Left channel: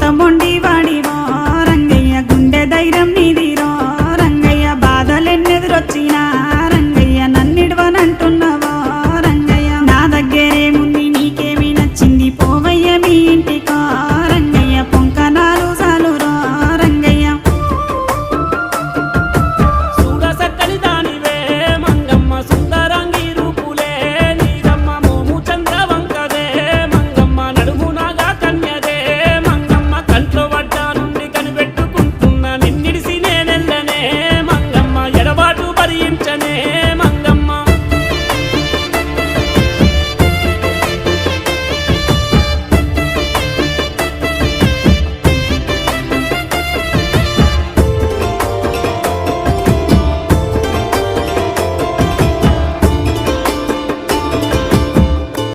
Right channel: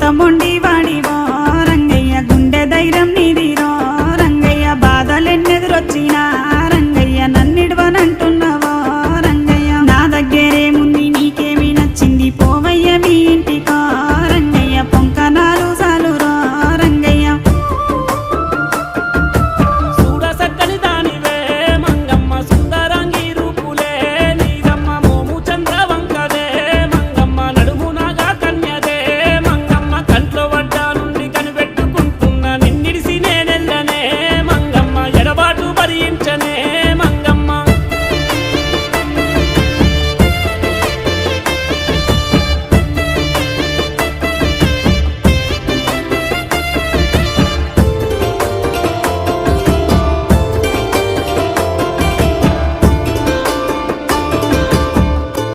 ఎంత మొండి వాడివో రంగయ్య గుండె ధైర్యం నీదిరో రంగయ్య బాధలెన్నెదురొచ్చినా రంగయ్య నన్నిడవనంటున్నావో రంగయ్య నా దగ్గరేముంది నీకేమి నచ్చింది పోవయ్య మీ ఇంటికో రంగయ్య పొంకనాలు సాలురో రంగయ్య చూడ సక్కని దానివే మంగమ్మ సుందరంగి రూపులే నీదమ్మ మోము చంద్రవంకదే మంగమ్మ నడుము నాగా కన్యదే మంగమ్మ కంట్లో వడ్డ నుండి కనిపెట్టుకుంటున్న నిన్నిడిసి నేనెల్లనే మంగమ్మ ఎడబాటు భరించనే మంగమ్మ